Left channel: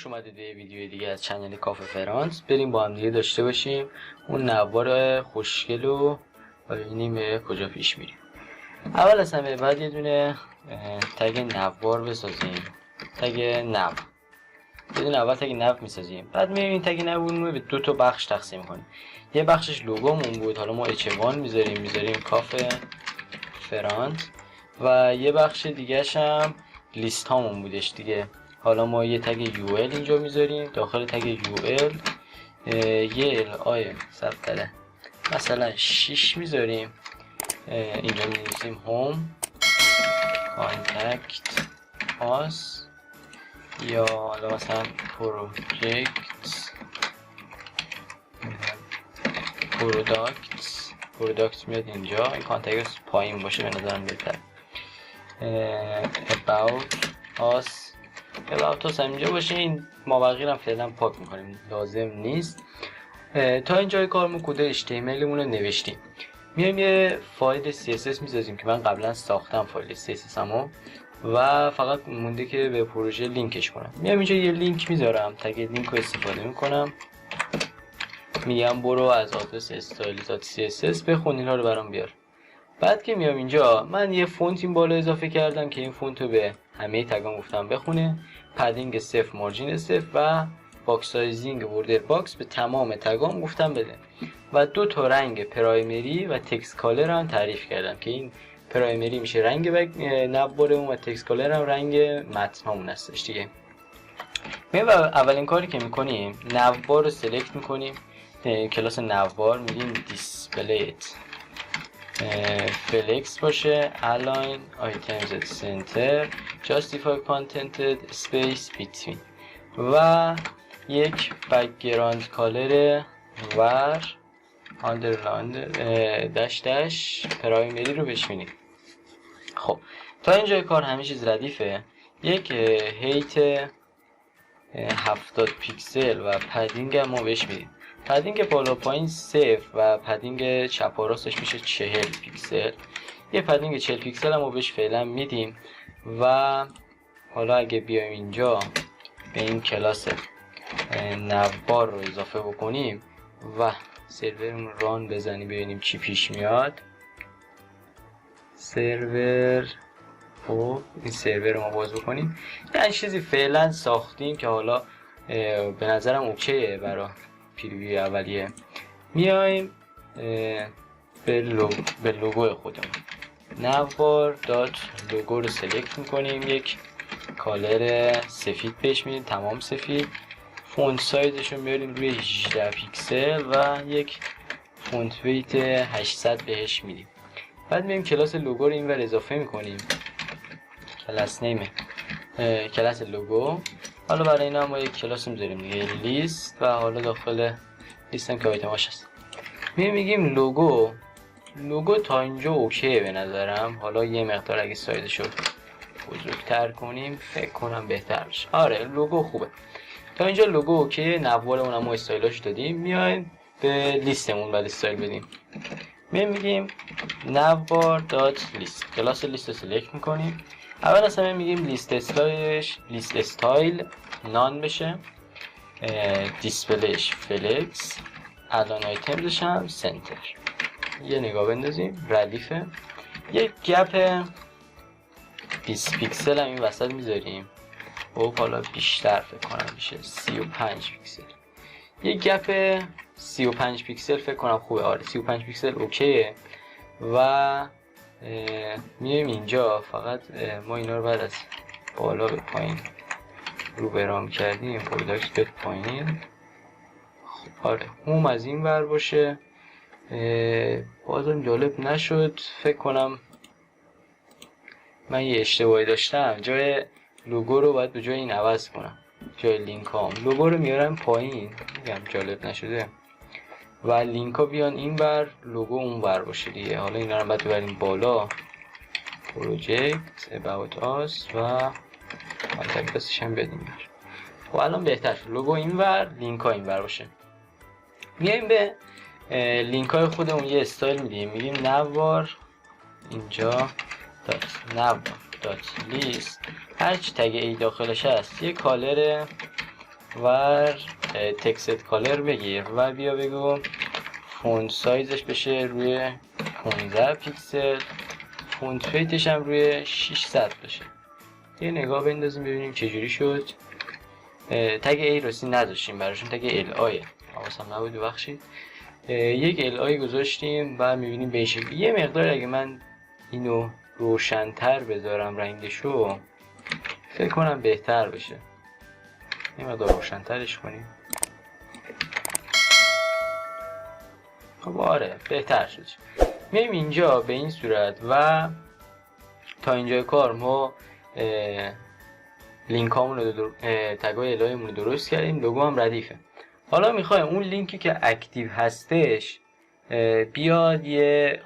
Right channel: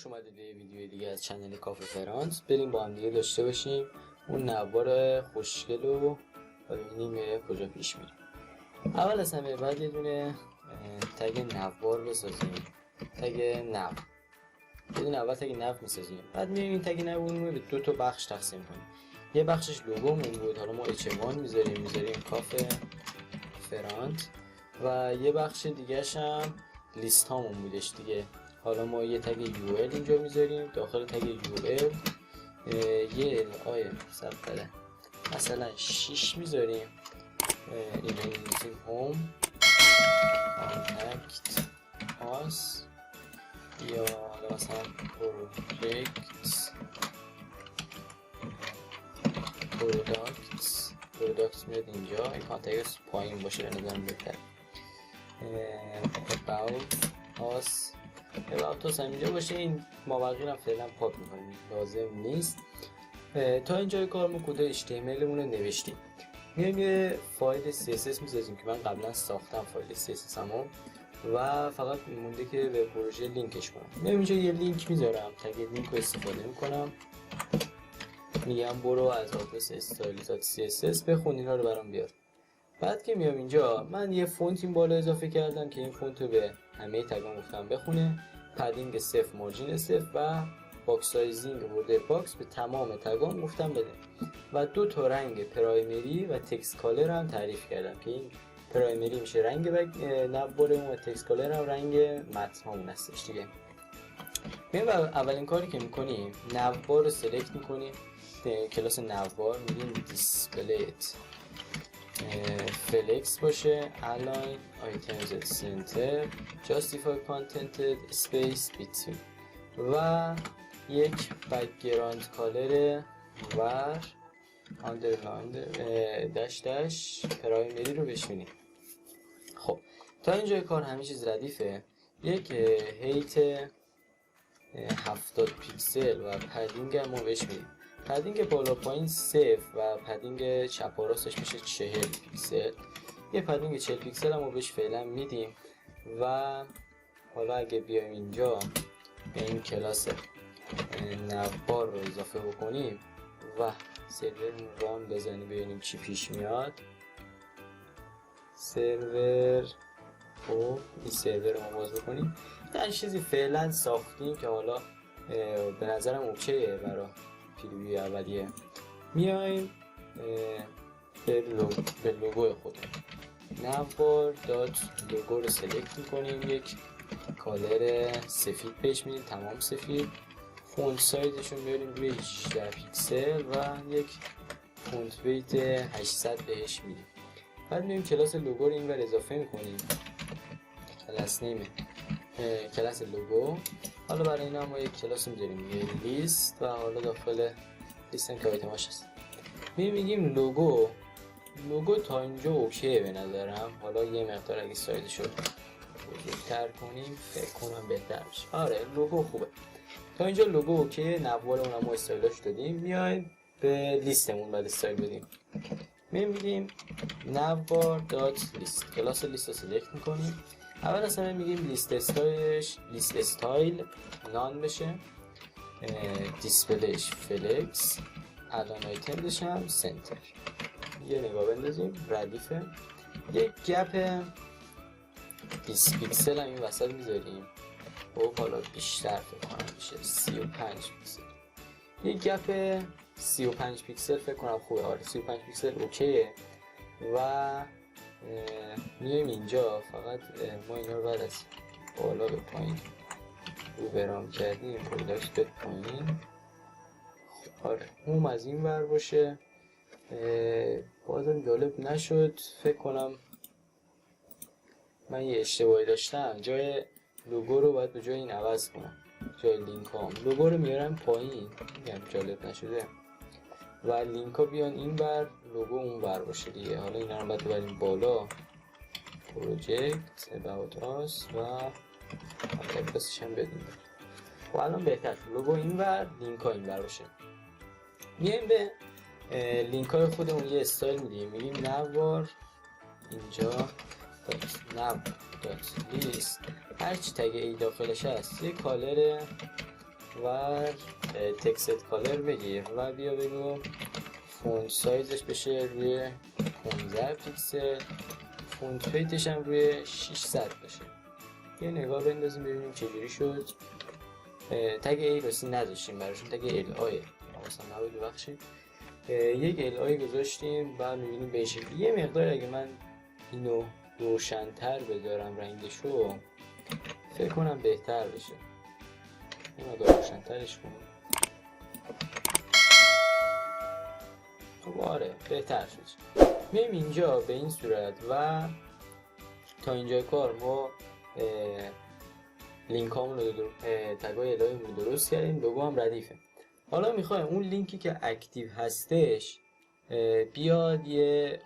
خوش اومدید به ویدیو دیگه از چنل کافه فرانس. بریم با هم دیگه داشته باشیم اون نوار خوشگل رو ببینیم به کجا پیش میریم. اول از همه بعد یه دونه تگ نوار بسازیم. تگ نو یه دونه اول تگ نو میسازیم، بعد میایم این تگ نوارمون رو به دو تا بخش تقسیم کنیم. یه بخشش لوگومون بود، حالا ما اچ1 میذاریم کافه فرانس، و یه بخش دیگه‌ش هم لیست هامون بودش دیگه. حالا ما یه تگ UL اینجا میذاریم، داخل تگ UL یه LI ثبت مثلا 6 میذاریم. اینجا می‌نویسیم هوم کانتکت آس، یا حالا مثلا پروداکت میاد اینجا. این کانتکت پایین باشه به نظرم بهتر. about us اینجا باشه. این مابقی رو فعلا پاک میکنیم، لازم نیست. تا اینجای کارمون کد HTML مون رو نوشتیم. میایم یه فایل CSS میسازیم که من قبلا ساختم فایل CSS همو، و فقط مونده که به پروژه لینکش کنم. میام اینجا یه لینک میذارم، تگ لینک رو استفاده میکنم، میگم برو از آدرس style.css بخون اینا رو برام بیار. بعد که میام اینجا من یه فونت این بالا اضافه کردم که این فونت رو به همه تگام گفتم بخونه. پدینگ 0، مارجین 0 و باکس سایزینگ بوردر باکس به تمام تگام گفتم بده. و دو تا رنگ پرایمری و تکست کالر هم تعریف کردم که این پرایمری میشه رنگ نوارمون و تکست کالر هم رنگ متن هامون هستش دیگه. اولین کاری که میکنیم نوار رو سلکت میکنیم، کلاس نوار میگیم دیسپلیت فلکس باشه، align items at center justify content space between، و یک بکگراند کالر ور آندرلاند داش پرایمری رو بشینیم. خب تا اینجای کار همه چیز ردیفه. یک هیت 70 پیکسل و پدینگ هم ما بهش میدیم. پدینگ بالا پایین 0 و پدینگ چپ و راستش میشه 40 پیکسل. یه پدینگ 40 پیکسل هم ما بهش فعلا میدیم. و حالا اگه بیایم اینجا به این کلاس نوار رو اضافه بکنیم و سرورمون ران بزنیم ببینیم چی پیش میاد. سرور، خب این سرور رو ما باز بکنیم. یه چیزی فعلا ساختیم که حالا به نظرم اوکیه برای پریوی اولیه. میایم به لوگو خودمون نوار دات لوگو رو سلکت میکنیم، یک کالر سفید بهش میدیم، تمام سفید. فونت سایزش رو میاریم روی 18 پیکسل و یک فونت ویت 800 بهش میدیم. بعد میایم کلاس لوگو رو اینور اضافه میکنیم، کلاس نیم کلاس لوگو. حالا برای اینا ما یک کلاس میذاریم دیگه لیست، و حالا داخل لیست هم که آیتماش هست میگیم لوگو تا اینجا اوکیه به نظرم. حالا یه مقدار اگه سایزشو بزرگتر کنیم فکر کنم بهتر میشه. آره لوگو خوبه تا اینجا. لوگو اوکیه، نوارمون هم استایلاش دادیم. میایم به لیستمون بعد استایل بدیم. میگیم نوار دات لیست، کلاس لیست رو سلکت میکنیم. اول از همه میگیم لیست استایل نان بشه، دیسپلیش فلکس، الان آیتمزش هم سنتر. یه نگاه بندازیم ردیفه. یک گپ 20 پیکسل هم این وسط میذاریم. و حالا بیشتر فکر کنم میشه 35 پیکسل. یک گپ 35 پیکسل فکر کنم خوبه. آره 35 پیکسل اوکیه. و میایم اینجا فقط ما اینا رو بعد از بالا به پایین رو برام کردیم، پروداکت به پایین. آره هوم از این ور باشه. بازم جالب نشد، فکر کنم من یه اشتباهی داشتم. جای لوگو رو باید به جای این عوض کنم، جای لینک هام لوگو رو میارم پایین. میگم جالب نشده، و لینک ها بیان این بر، لوگو اون بر باشه دیگه. حالا اینا رو باید ببریم بالا، پروژکت about us و کانتکت بسش هم بدیم بر. خب الان بهتر شد، لوگو این بر لینک ها این بر باشه. میایم به لینک های خودمون یه استایل میدیم، میگیم نوار اینجا نوار دات لیست، هرچی تگ ای داخلش هست. یه کالر و تکست کالر بگیر و بیا بگو فونت سایزش بشه روی 15 پیکسل، فونت ویتش هم روی 600 بشه. یه نگاه بندازیم ببینیم چجوری شد. تگ ای راستی نذاشتیم براشون، تگ ال آی حواسم نبود ببخشید. یک ال آی گذاشتیم و میبینیم به این شکل. یه مقدار اگه من اینو روشن‌تر بذارم رنگشو فکر کنم بهتر بشه. یه مقدار روشن‌ترش کنیم. خب آره بهتر شد. میایم اینجا به این صورت و تا اینجای کار ما لینک هامون رو تگای الهیمون رو درست کردیم، لوگو هم ردیفه. حالا میخوایم اون لینکی که اکتیو هستش بیاد یه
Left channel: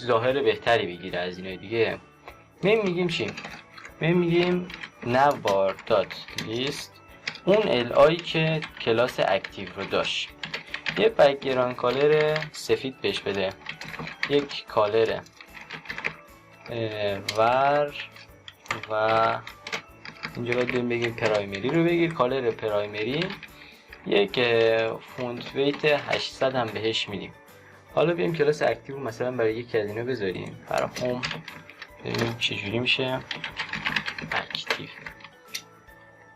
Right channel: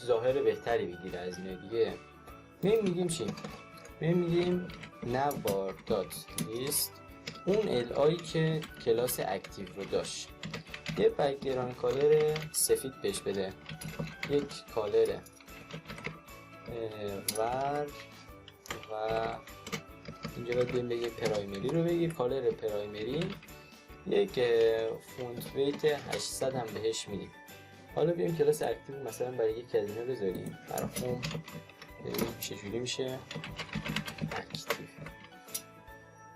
ظاهر بهتری بگیره از اینای دیگه. میگیم چی؟ میگیم navbar.list اون الای که کلاس اکتیو رو داشت. یه بک‌گراند کالر سفید بهش بده، یک کالر ور و اینجا باید بگیم پرایمری رو بگیر، کالر پرایمری، یک فونت ویت 800 هم بهش میدیم. حالا بیایم کلاس اکتیو مثلا برای یکی از اینا بذاریم برای هوم، ببینیم چجوری میشه اکتیو.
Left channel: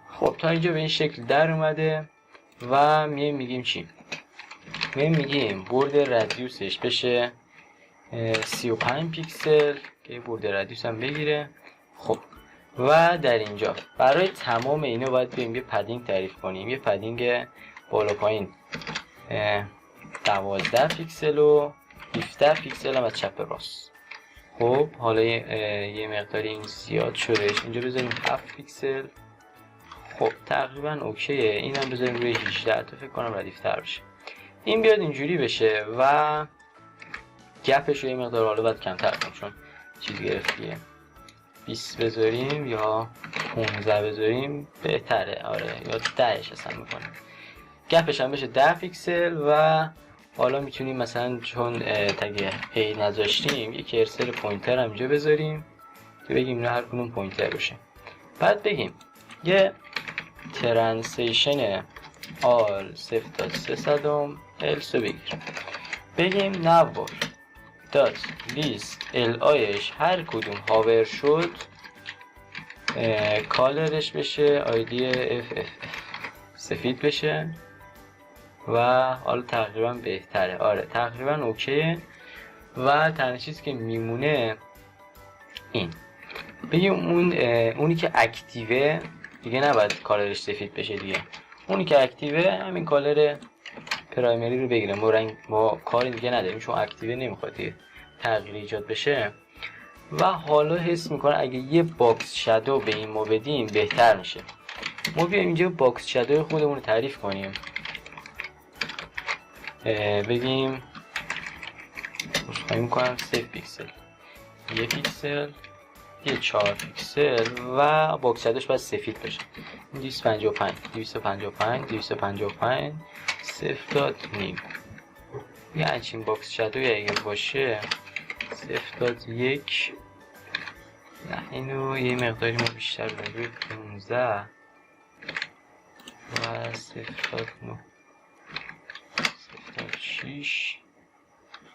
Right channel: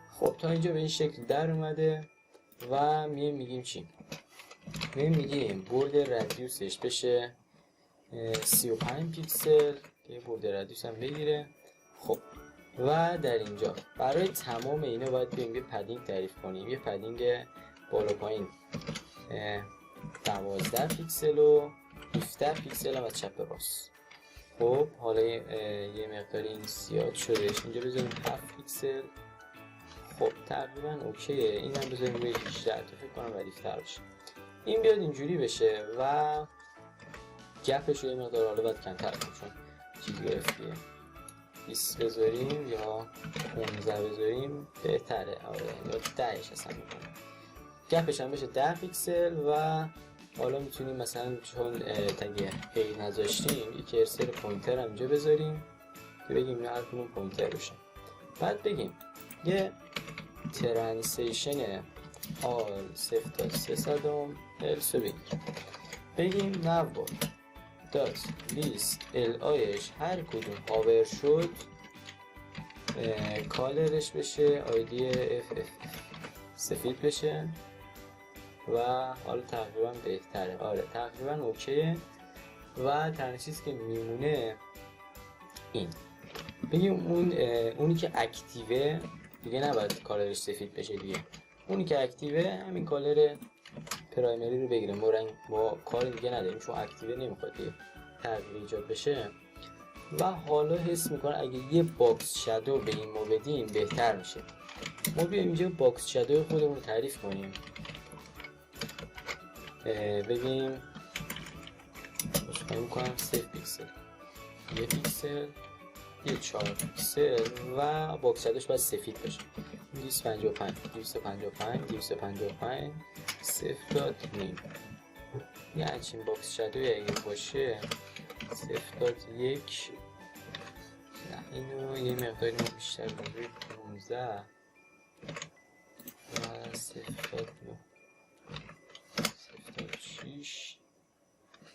خب تا اینجا به این شکل در اومده و میگیم چی؟ میگیم برد ردیوسش بشه 35 پیکسل که برد ردیوس هم بگیره. خب و در اینجا برای تمام اینا باید بریم یه پدینگ تعریف کنیم، یه پدینگ بالا پایین 12 پیکسل و 17 پیکسل هم از چپ راست. خب حالا یه مقداری این زیاد شدهش، اینجا بذاریم 7 پیکسل. خب تقریبا اوکیه. این هم بذاریم روی 18 تا فکر کنم ردیفتر بشه. این بیاد اینجوری بشه و گپش رو یه مقدار حالا باید کمتر کنم چون چیز گرفتیه. 20 بذاریم یا 15 بذاریم بهتره، آره یا 10ش اصلا میکنم. گپش هم بشه 10 پیکسل و حالا میتونیم مثلا چون تگ ای نذاشتیم یک کرسر پوینتر هم اینجا بذاریم که بگیم نه هر کدوم پوینتر باشه. بعد بگیم یه ترنسیشن آل 0.3 الس رو بگیر. بگیم navbar دات لیست ال آیش هر کدوم هاور شد کالرش بشه آیدی اف سفید بشه و حالا تقریبا بهتره، آره تقریبا اوکیه. و تنها چیزی که میمونه این بگیم اونی که اکتیوه دیگه نباید کالرش سفید بشه دیگه. اونی که اکتیوه همین کالر پرایمری رو بگیره. ما کاری دیگه نداریم چون اکتیوه نمیخواد دیگه تغییر ایجاد بشه. و حالا حس میکنه اگه یه باکس شادو به این ما بدیم بهتر میشه. ما بیایم اینجا باکس شادو خودمون رو تعریف کنیم. بگیم مشخص میکنم 3 پیکسل، 1 پیکسل، یه 4 پیکسل و باکس شادوش باید سفید بشه. 255 255 255 0.9 یه همچین باکس شادوی اگه باشه 0.1 نه اینو یه مقداری ما بیشتر بدیم روی 15 و 0.9 0.6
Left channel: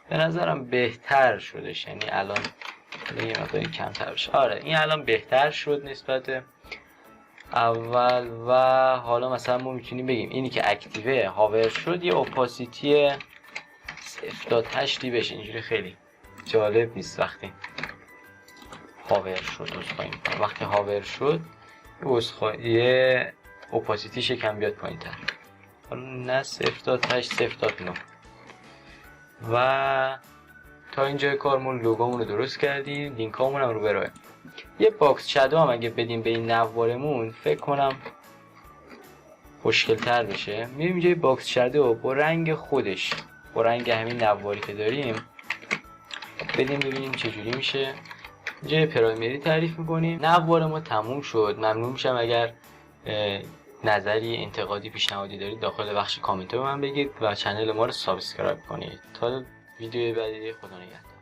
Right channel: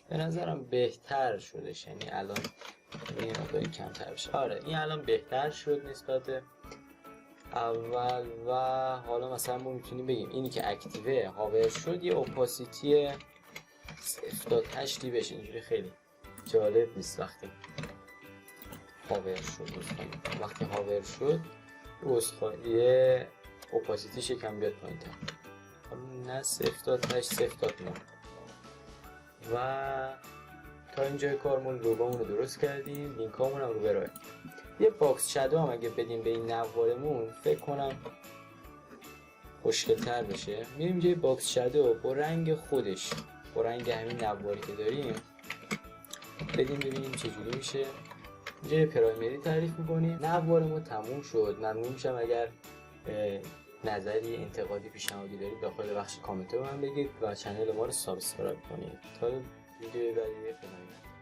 به نظرم بهتر شدش. یعنی الان یه مقداری کمتر بشه. آره این الان بهتر شد نسبت اول. و حالا مثلا ما میتونیم بگیم اینی که اکتیوه هاور شد یه اپاسیتی 0.8 بشه. اینجوری خیلی جالب نیست وقتی هاور شد. وقتی هاور شد یه اپاسیتیش کم بیاد پایین تر، حالا نه 0.8 0.9. و تا اینجای کارمون لوگومون رو درست کردیم، لینک هامون هم رو برایم. یه باکس شادو هم اگه بدیم به این نوارمون فکر کنم خوشگل تر بشه. میریم اینجا باکس شادو با رنگ خودش، با رنگ همین نواری که داریم بدیم ببینیم چجوری میشه. اینجا پرایمری تعریف میکنیم. نوار ما تموم شد. ممنون میشم اگر نظری انتقادی پیشنهادی دارید داخل بخش کامنت به من بگید و کانال ما رو سابسکرایب کنید. تا ویدیو بعدی خدا نگهدار.